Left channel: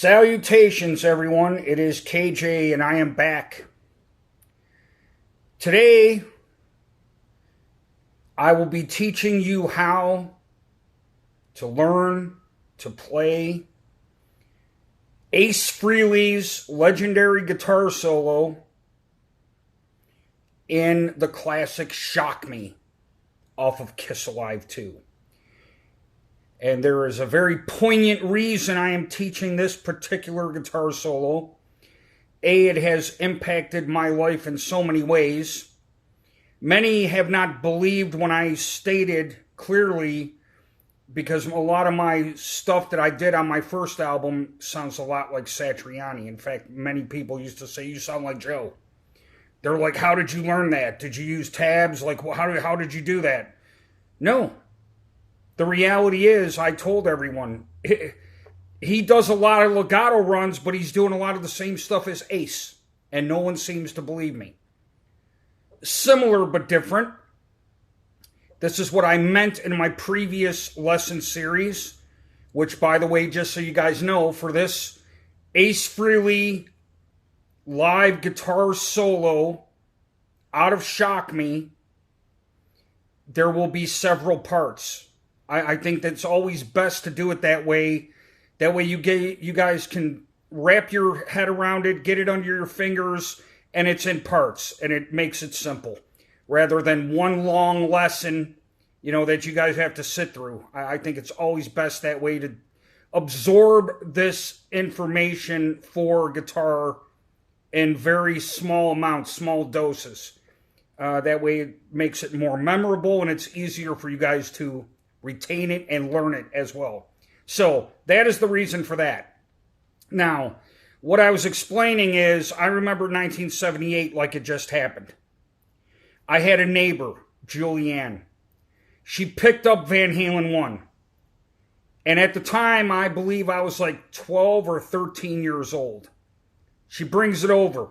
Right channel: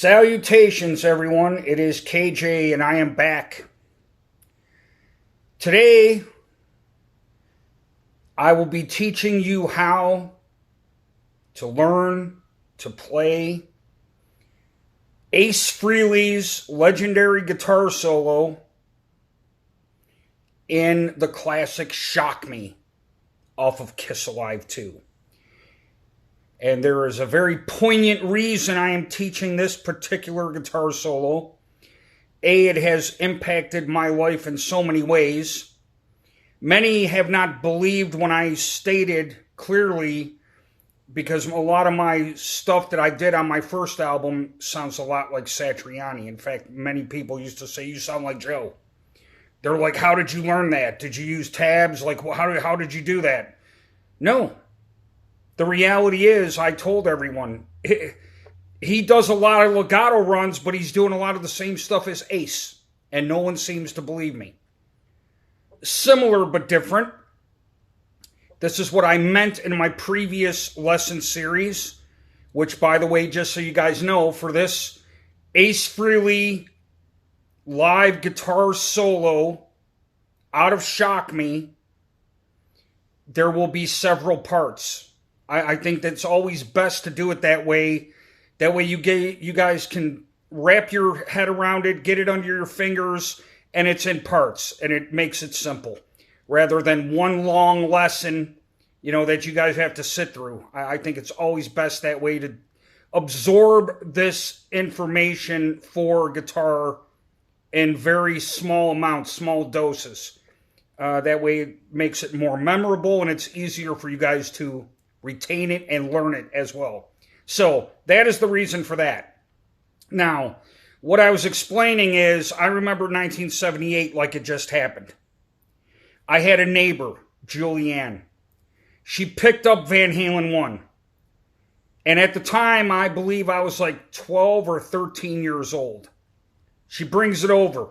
Salutations, everyone. It is KJ, and I am back. Today, I will be teaching you how to learn to play Ace Frehley's legendary guitar solo in the classic Shock Me off of Kiss Alive 2. And there is a very poignant reason I am teaching this particular guitar solo. A, it has impacted my life in so many ways. Many have not believed when I stated clearly, because a lot of my stuff that I did on my first album sounds a lot like Satriani. In fact, many people used to say, "You sound like Joe." They're like, "How did you learn that? Did you use tabs? Like, how did you do that?" No. The reality is, I told everyone, he does a lot of legato runs, but he's doing a lot of the same stuff as Ace, and no one seems to believe me. Similar but different. This is what I meant in my previous lesson series, which, by the way, just so you guys know, for this Ace Frehley live guitar solo out of Shock Me, there will be several parts. I think that's always best to do it that way. That way you guys can wrap your head around it, get it under your fingers, and it's in parts, and it makes it simple. Rather than one long lesson, that you guys have to sit through. I think it's always best that way to absorb this information for guitar in very small amounts, small doses. That way it makes it more memorable, and it's easier for you guys to retain it and learn it as well. So that is the reason for that. Now, what I was explaining is, I remember 1978 like it just happened. I had a neighbor, Julianne. She picked up Van Halen 1. And at the time, I believe I was like 12 or 13 years old. She brings it over.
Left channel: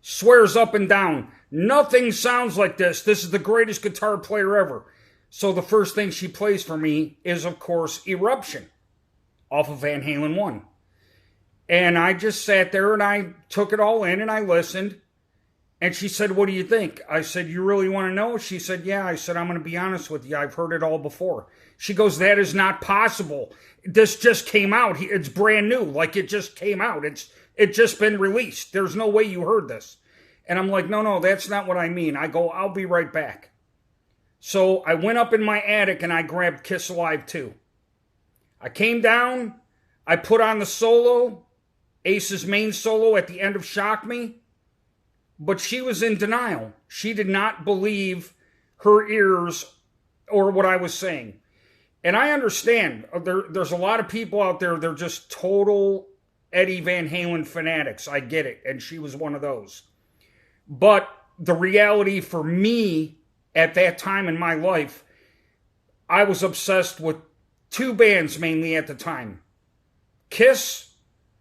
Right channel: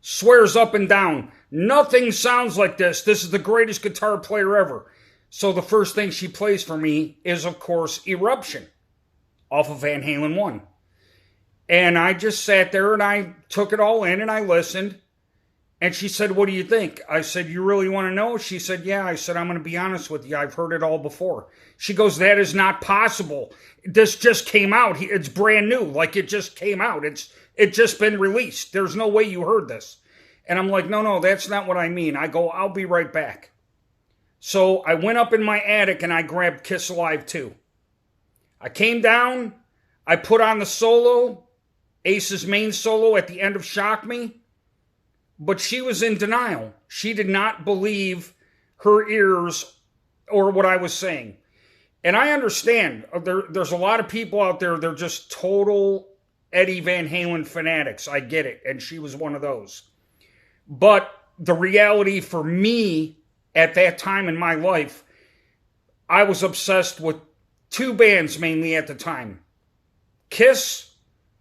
Swears up and down, "Nothing sounds like this. This is the greatest guitar player ever." So the first thing she plays for me is, of course, Eruption off of Van Halen 1. And I just sat there and I took it all in and I listened. And she said, "What do you think?" I said, "You really want to know?" She said, "Yeah." I said, "I'm going to be honest with you. I've heard it all before." She goes, "That is not possible. This just came out. It's brand new. Like, it just came out. It's just been released. There's no way you heard this." And I'm like, no, that's not what I mean. I go, "I'll be right back." So I went up in my attic and I grabbed Kiss Alive 2. I came down, I put on the solo, Ace's main solo at the end of Shock Me, but she was in denial. She did not believe her ears or what I was saying. And I understand, there's a lot of people out there, they're just total Eddie Van Halen fanatics. I get it, and she was one of those. But the reality for me, at that time in my life, I was obsessed with two bands mainly at the time. Kiss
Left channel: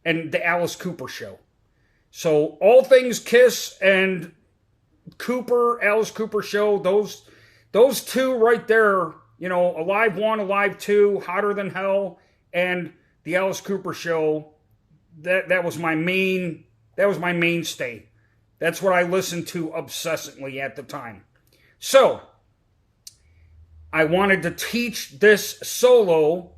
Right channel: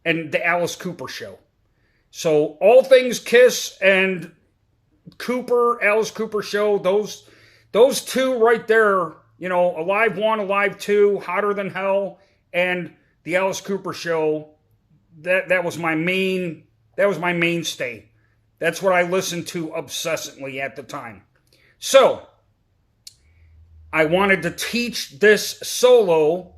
and the Alice Cooper Show. So all things Kiss and Alice Cooper Show, those two right there, Alive 1, Alive 2, Hotter Than Hell, and the Alice Cooper Show, that was my mainstay. That's what I listened to obsessively at the time. So, I wanted to teach this solo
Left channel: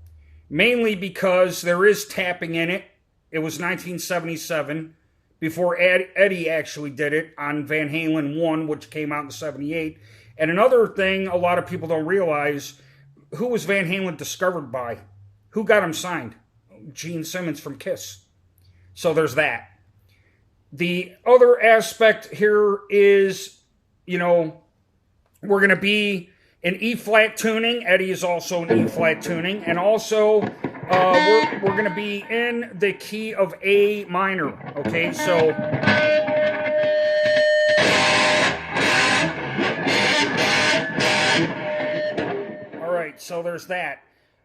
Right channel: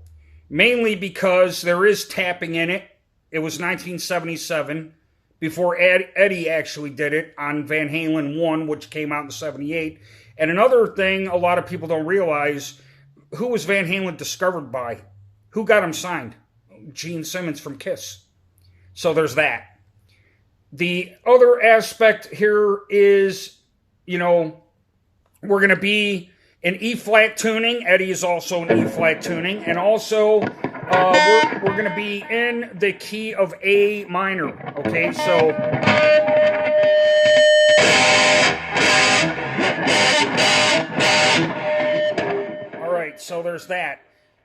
mainly because there is tapping in it. It was 1977, before Eddie actually did it on Van Halen 1, which came out in 78. And another thing a lot of people don't realize, who was Van Halen discovered by? Who got him signed? Gene Simmons from Kiss. So there's that. The other aspect here is, we're going to be in E-flat tuning. Eddie is also in E-flat tuning. And also, we're going to be in the key of A minor. Okay, so... Alright, so there's that.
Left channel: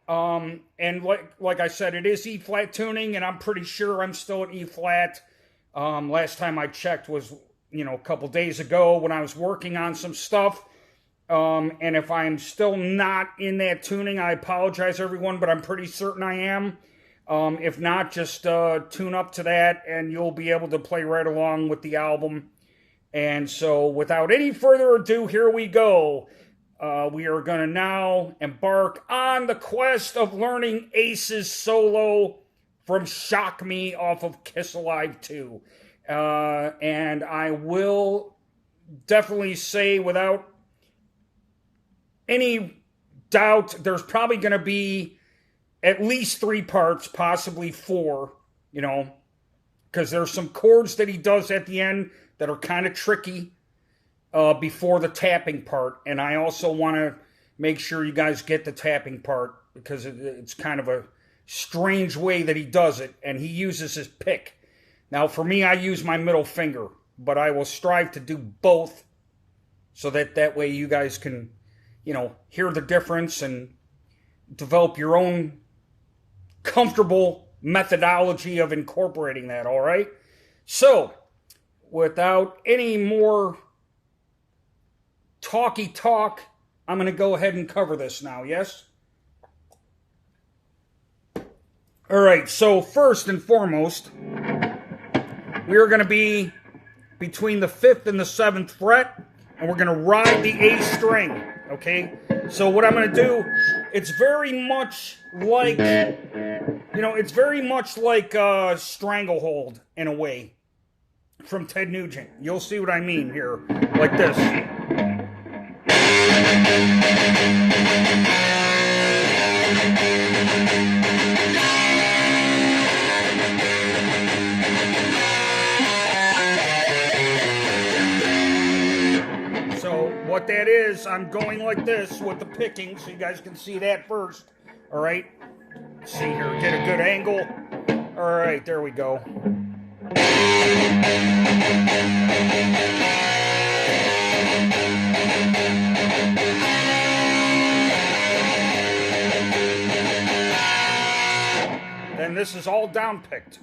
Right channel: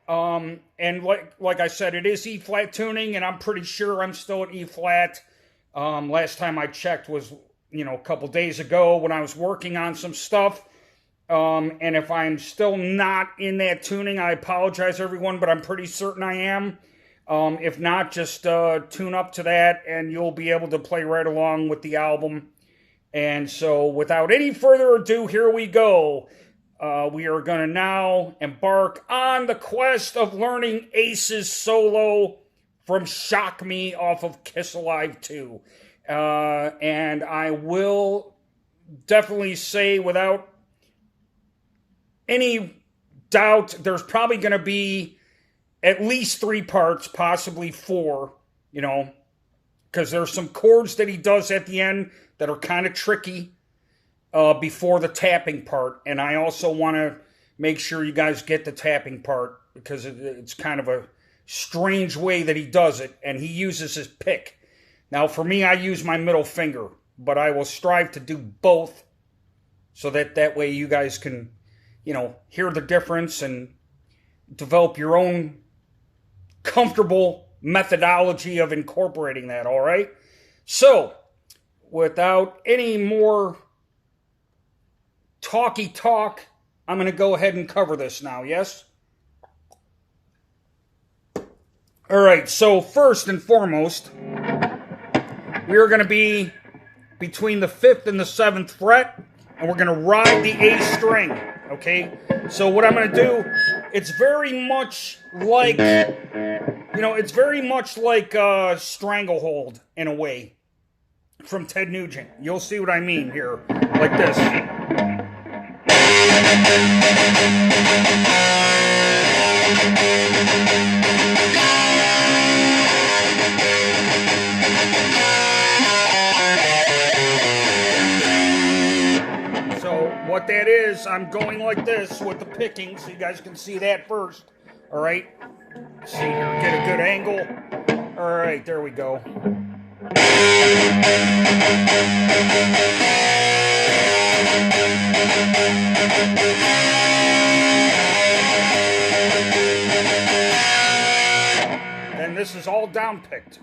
And like I said, it is E-flat tuning, and I'm pretty sure I'm still at E-flat. Last time I checked was, a couple days ago when I was working on some stuff. And if I'm still not in that tuning, I apologize, everyone, but I'm pretty certain I am. If not, just tune up to that and you'll be able to play right along with the album. And so without any further ado, here we go. We are going to now embark on the quest of learning Ace's solo from Shock Me off of Kiss Alive 2. And I will definitely say without any doubt, there's probably going to be at least 3 parts, possibly 4, you know, because there's some chords that he does at the end that are kind of tricky before the tapping part. And I also want to make sure you guys get the tapping part because it's kind of a strange way that he does it. And he uses his pick. Now, for me, I use my middle finger, but I will strive to do both so that way you guys can, you know, hear the difference and develop your own comfortable methodology of incorporating that, all right? So, without any more talky talk, I'm going to go ahead and cover this now, yes? All right, so first and foremost, we are going to be between the 5th and the 7th fret, and we're going to ride the A string, okay? So what I'm going to do, it's very much like, you know, it's very much like Stranglehold in a way from Ted Nugent. You'll see what I mean here, like this. What that is, I'm going like this with the picking, so you guys can see that first. All right, see here, get a good angle. All right, there we go. Then this is all down picked.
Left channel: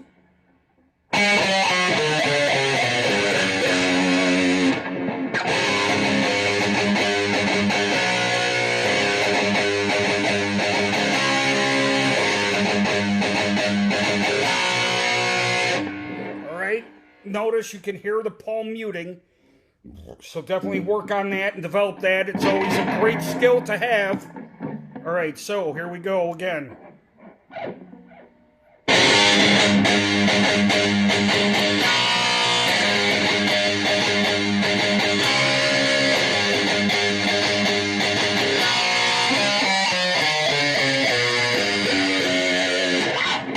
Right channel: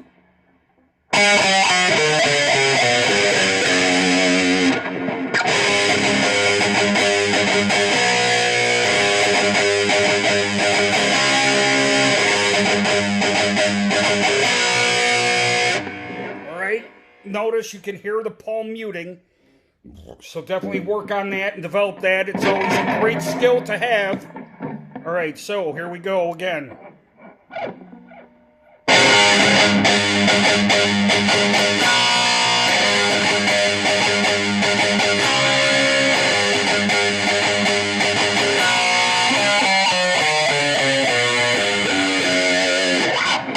Notice you can hear the palm muting, so definitely work on that and develop that. It's always a great skill to have. All right, so here we go again.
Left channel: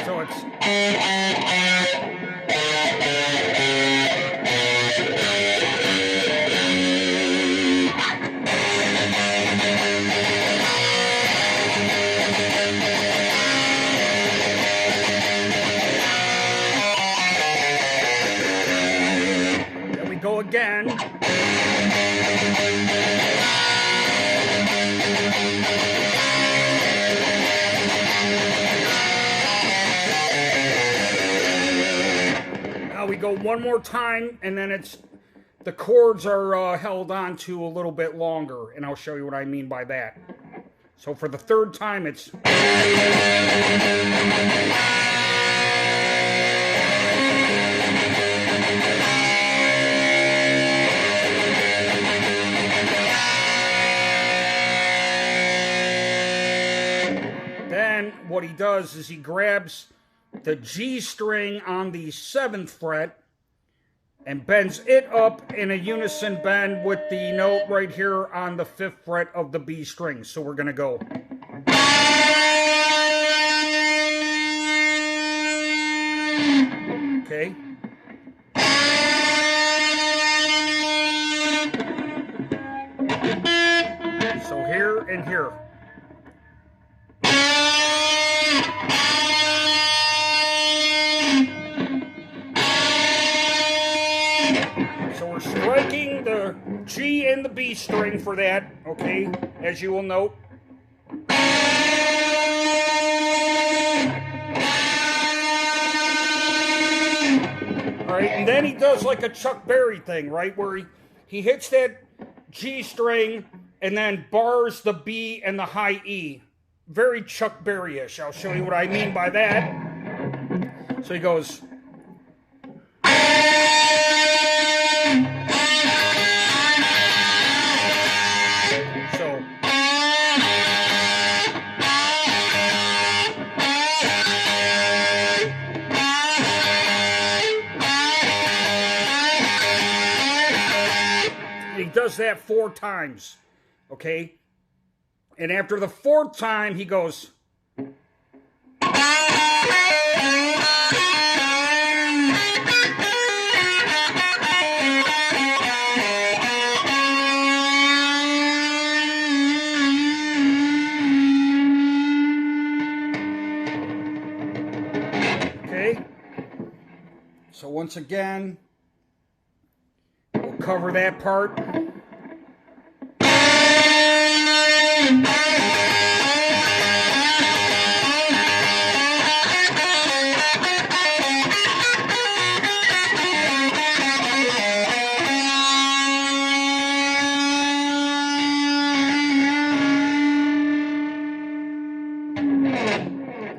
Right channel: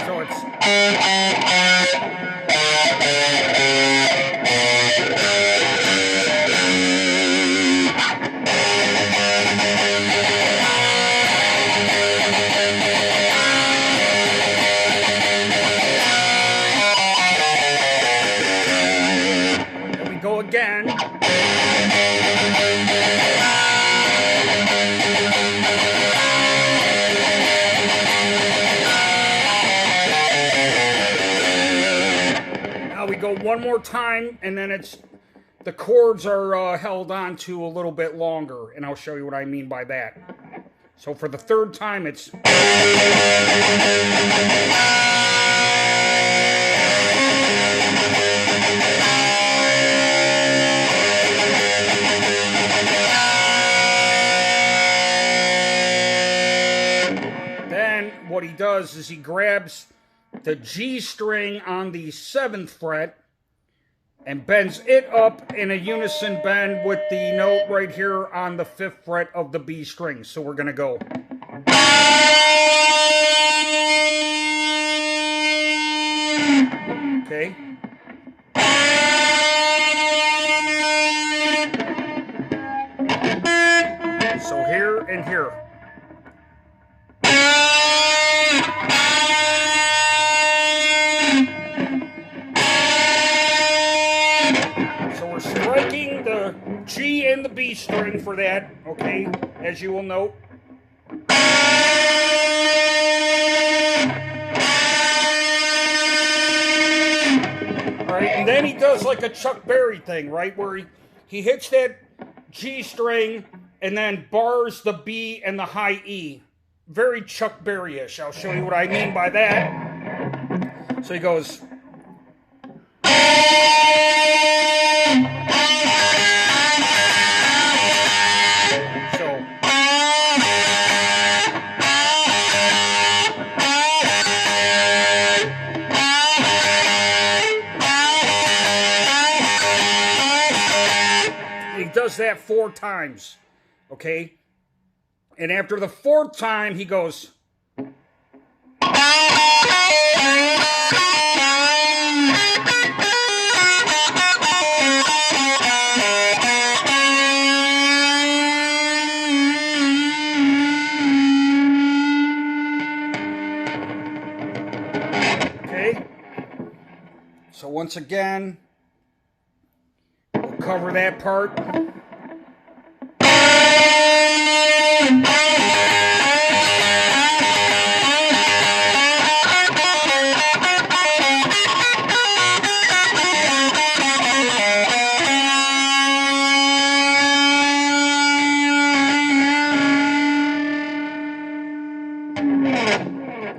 So it's... go again. Now we go one more time, and then it's the chords are held on to a little bit longer, and I'll show you what I mean by that. So for the 3rd time, it's... Then what he does is he grabs the G string on the 7th fret and bends it up in a unison bend with the note right here on the 5th fret of the B string. So we're going to go. Okay. So here and here. So we're striking the G and the B string for that, okay, as you will note. All right, and then he does like a Chuck Berry thing, right, where he hits that G string and then bars the B and the high E. Very Chuck Berry-ish. I'll show you what I mean by that. So he goes. So. He does that 4 times, okay? And after the 4th time, he goes. Okay? So once again, we'll cover that part.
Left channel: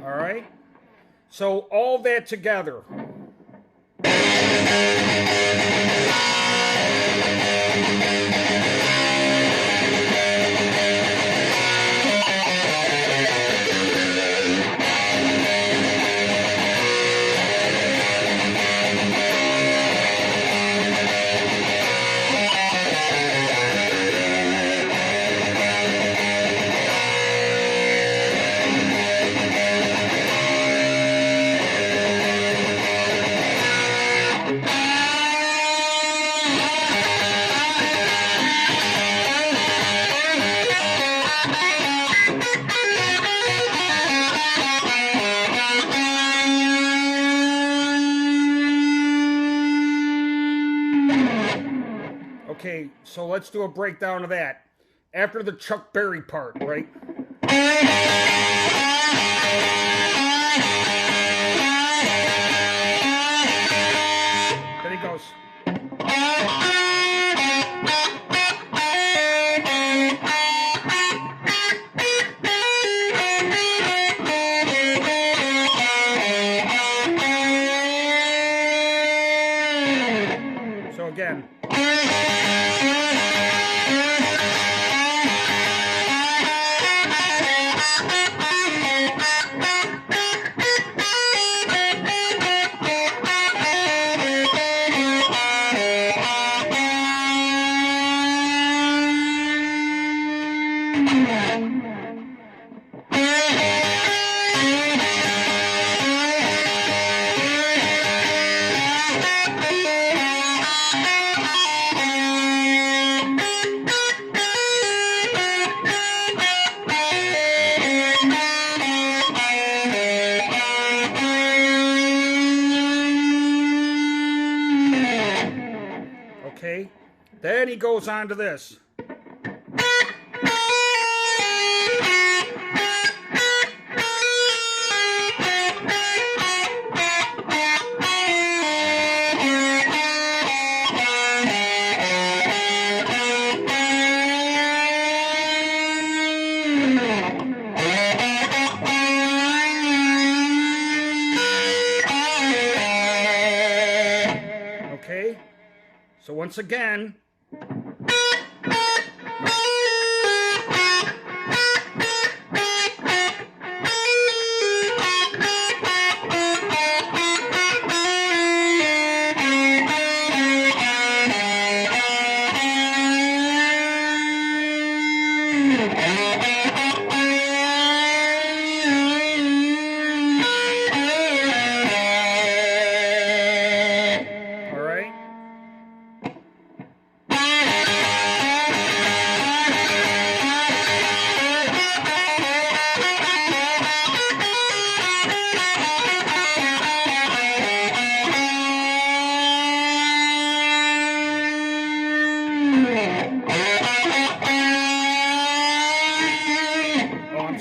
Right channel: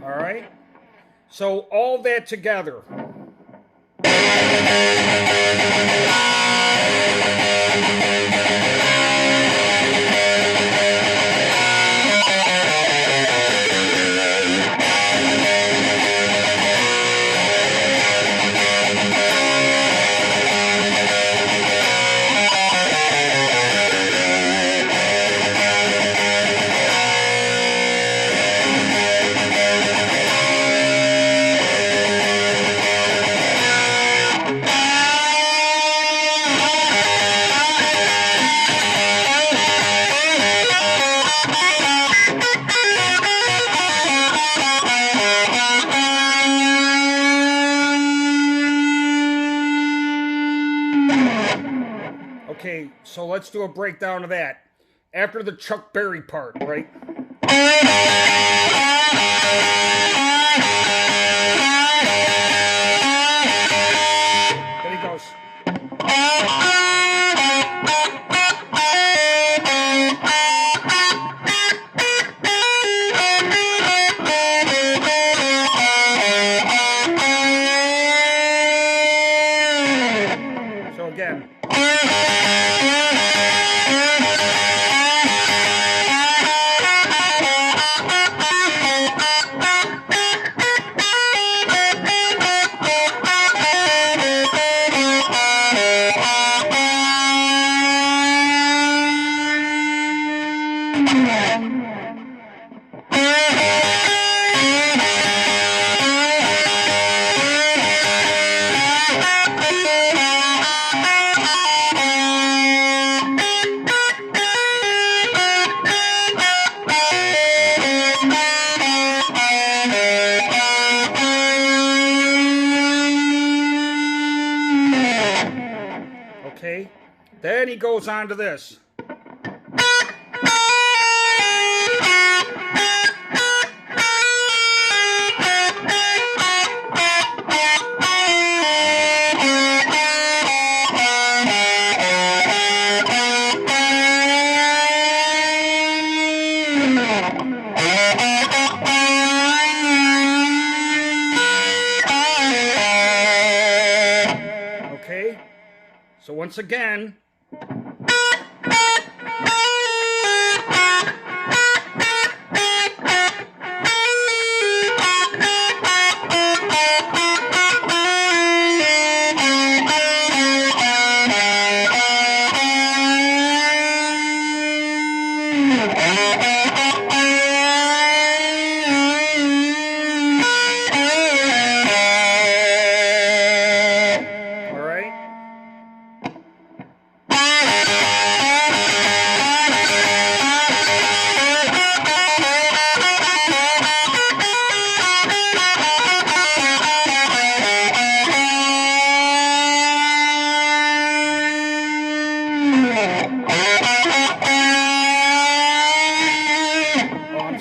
All right? So all that together. Okay, so let's do a breakdown of that. After the Chuck Berry part, right? Then he goes. So again. Okay, then he goes on to this. Okay, so once again.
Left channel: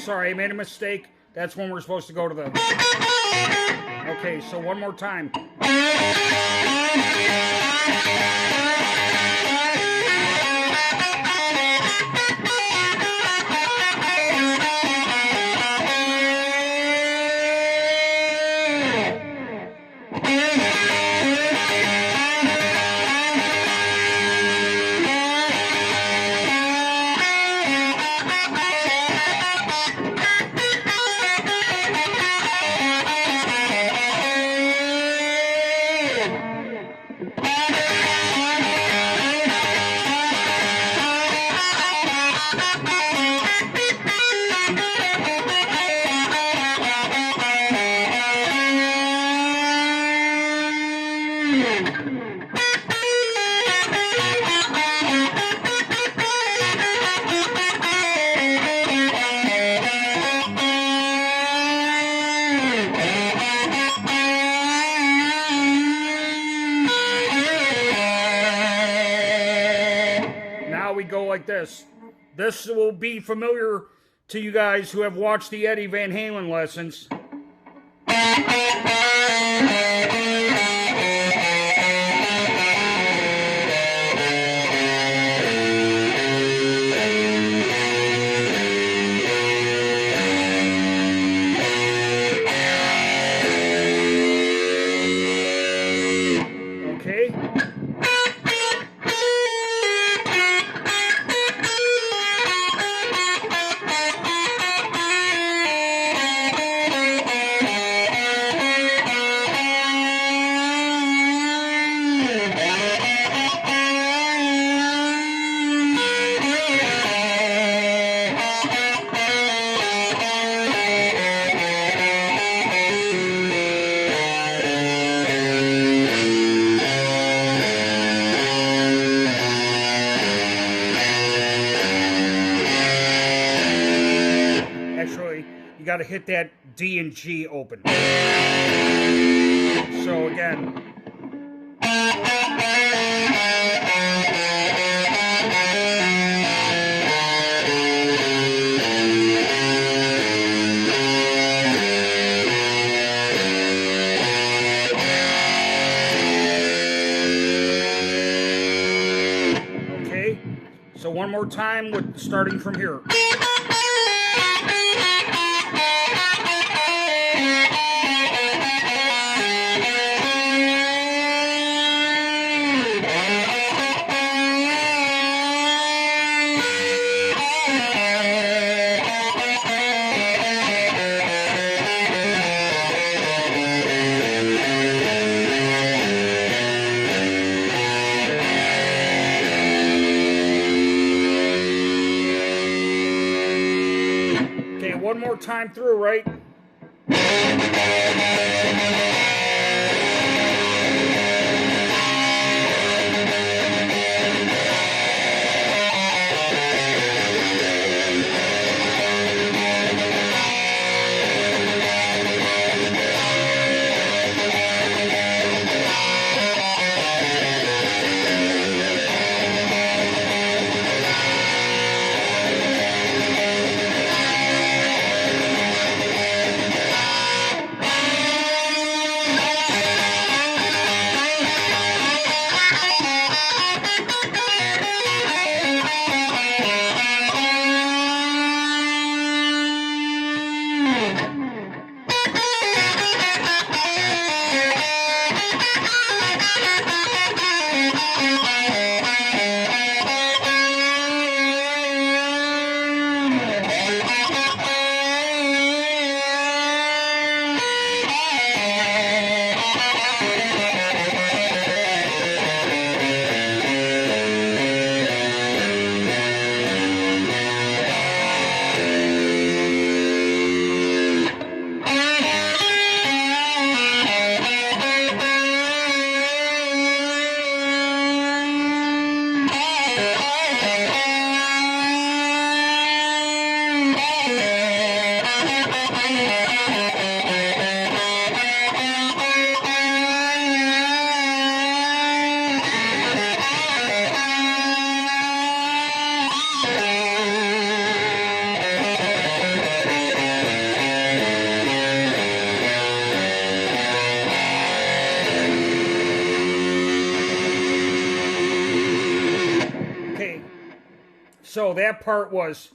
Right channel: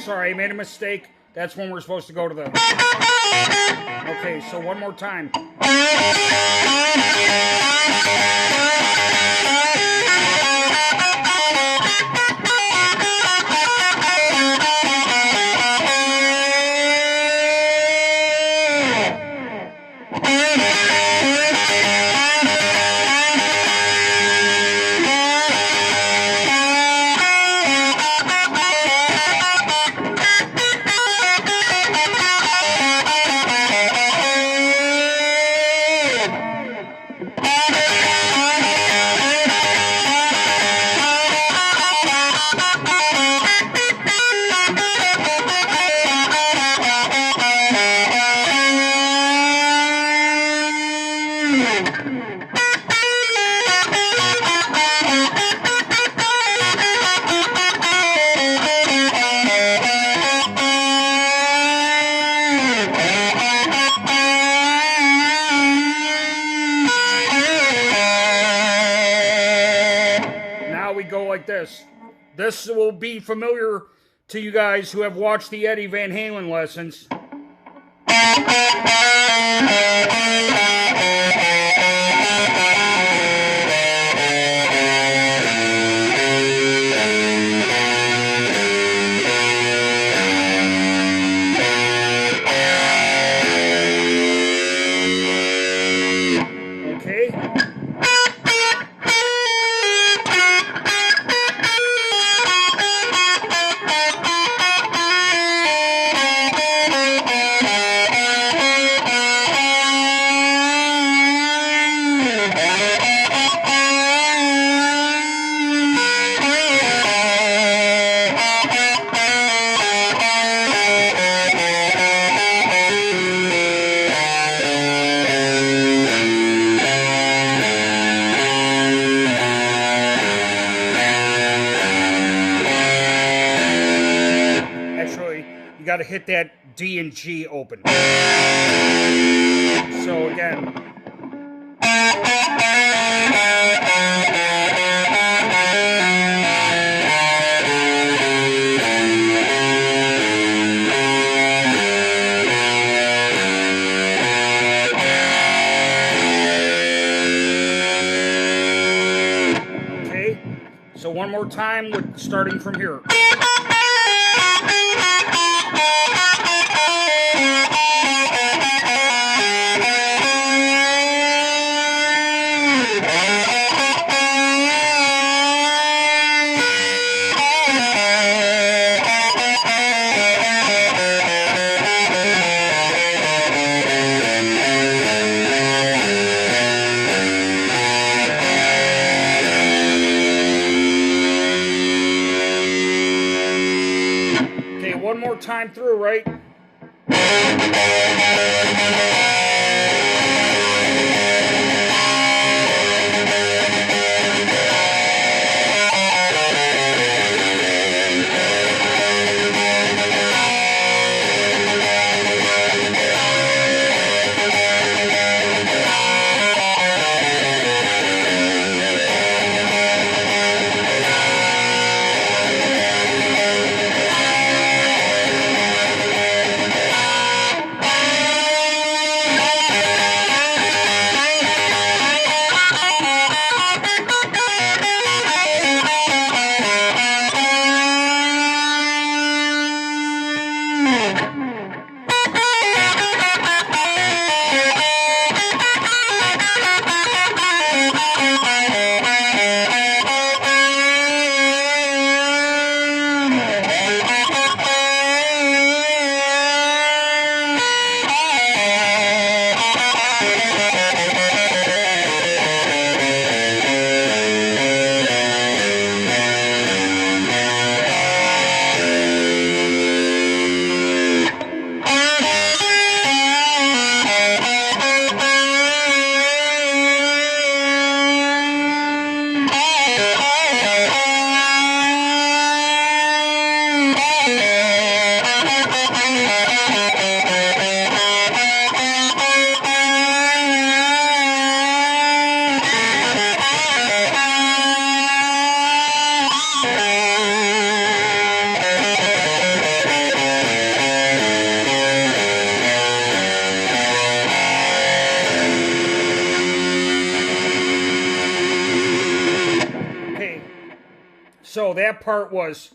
Sorry, I made a mistake. That's when we're supposed to go to the... Okay, so one more time. this. This will be familiar to you guys who have watched the Eddie Van Halen lessons. Got to hit that D and G open. So again. Okay. So one more time with starting from here. One more time through, right? So that part was...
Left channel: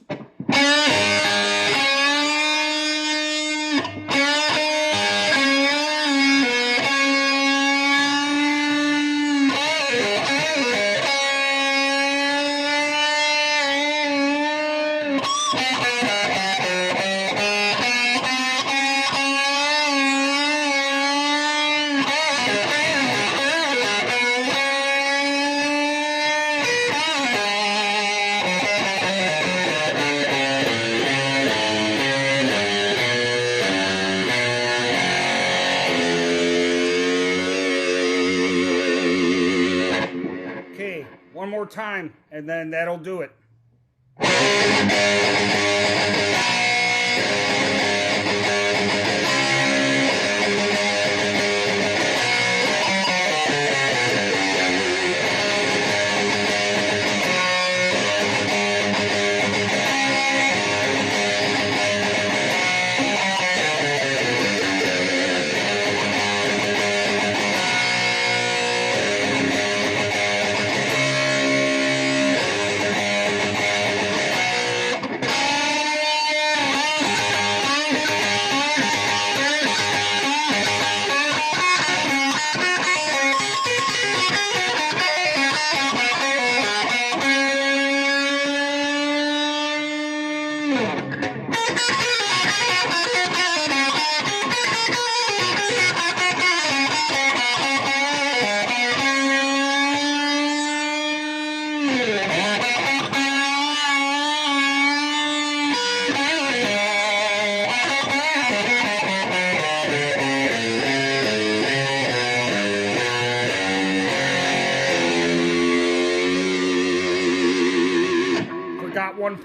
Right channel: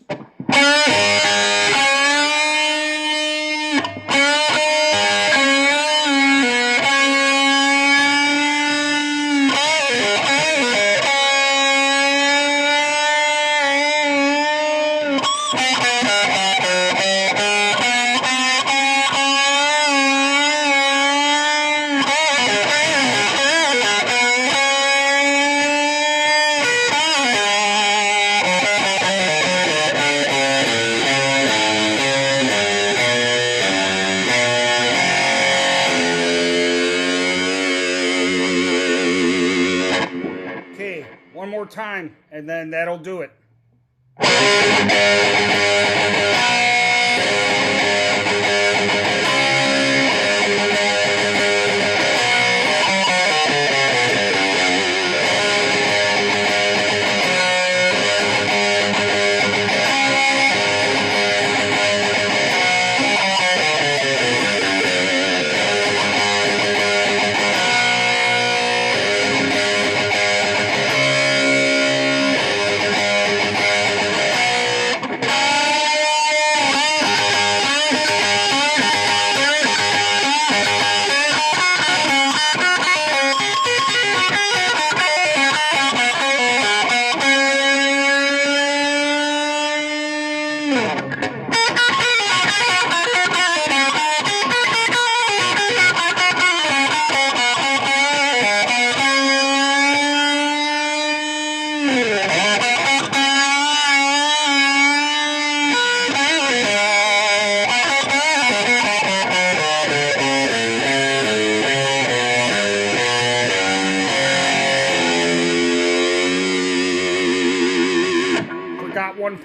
One more time, and then that'll do it.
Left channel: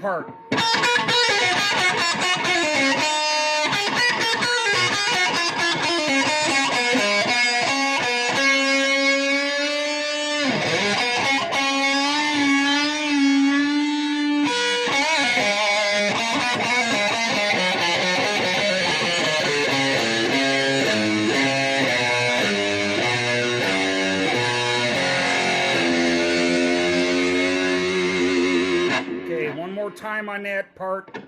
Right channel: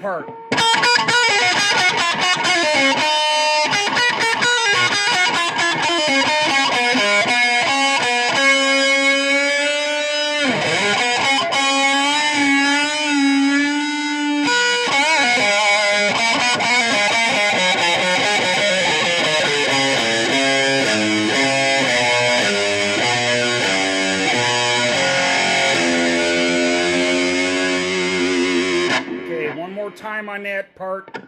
part. One more time on that part.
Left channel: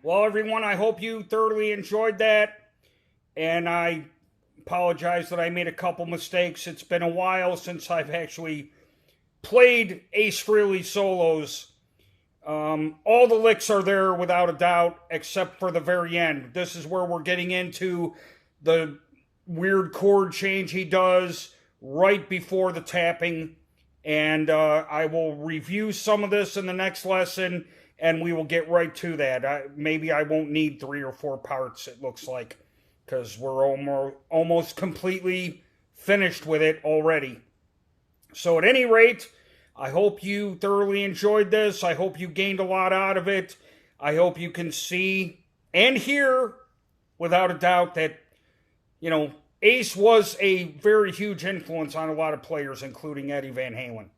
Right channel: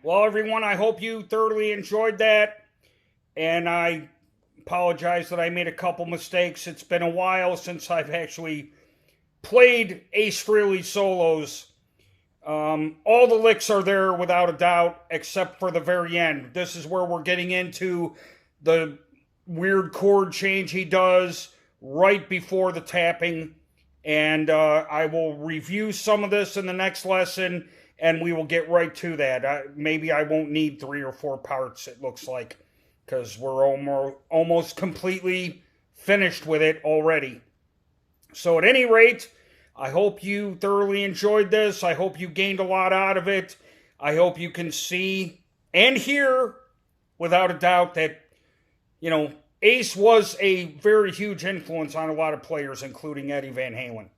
Well, everyone, I hope you thoroughly enjoyed that, and I apologize that I made a couple mistakes. It's been a while since I've actually played Ace Frehley solos. All the licks are there without a doubt, except for the very end. This is where we're getting into the weird chord change he does right before the tapping, and I will review some of this in the next lesson, and we will get right to that. Maybe I won't need 3 or 4 parts, it looks like, because we're almost completely finished with it already. So at any rate, I hope you thoroughly enjoyed this. I hope you gained a lot out of it. I hope you can see and hear, without a doubt, that, you know, Ace was a very huge influence on a lot of players, including Eddie Van Halen.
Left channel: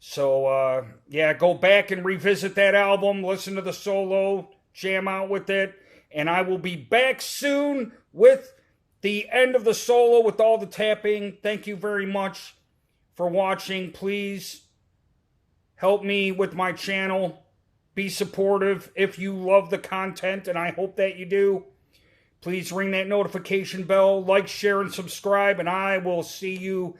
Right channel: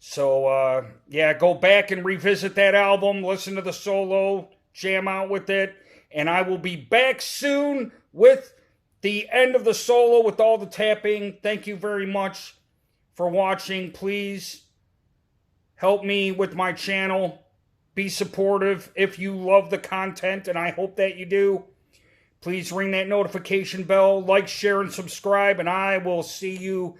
So, yeah, go back and revisit that album, listen to the solo, jam out with it, and I will be back soon with the end of the solo with all the tapping. Thank you very much for watching. Please help me with my channel. Be supportive if you love the content, and I hope that you do. Please ring that notification bell, like, share, and subscribe, and I will see you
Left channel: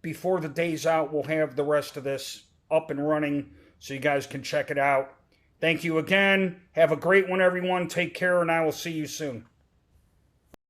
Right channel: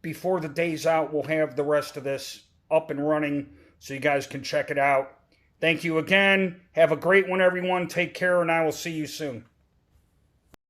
before the day's out. We'll have the rest of this up and running so you guys can check it out. Thank you again. Have a great one, everyone. Take care, and I will see you soon.